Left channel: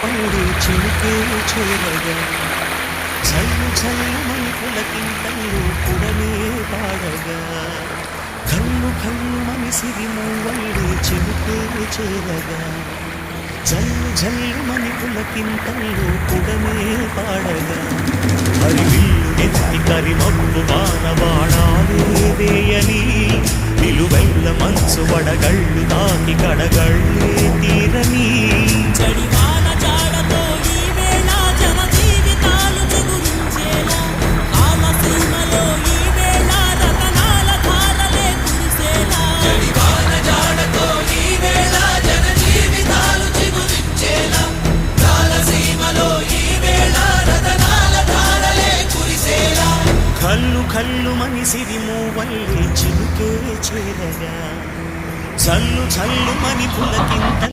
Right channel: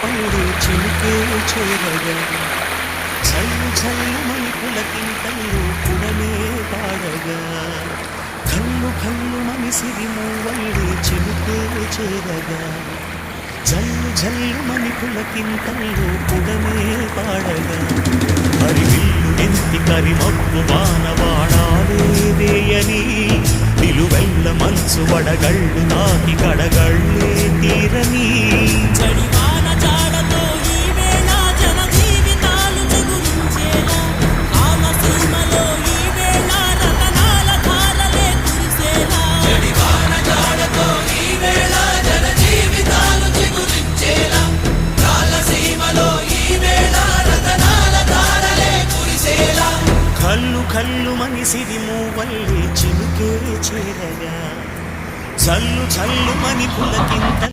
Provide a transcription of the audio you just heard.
పల్లె చినుకే చేరగా జల్లు జల్లుమని పులకింతలు పుడమే పాడగా కళ్ళు కళ్ళు మనిసిరి మూవల్లే చినుకే చేరగా జల్లు జల్లుమని పులకింతలు పుడమే పాడగా హరివిల్లు నెత్తి కరిమబ్బు వానవాడాలే వేయని నిలువెల్ల మంచు వడగళ్ళు తాకి కడగళ్ళే తీరని చడివాన జాడతో ఈ వేళ జన జీవితాలు చిగురించేలా కామసీమలో ఈ వేళ రతనాల ధారలే కురిసేలా చడివాన జాడతో ఈ వేళ జన జీవితాలు చిగురించేలా కామసీమలో ఈ వేళ రతనాల ధారలే కురిసేలా కళ్ళు కళ్ళు మనిసిరి మూవల్లే చినుకే చేరగా జల్లు జల్లుమని పులకింత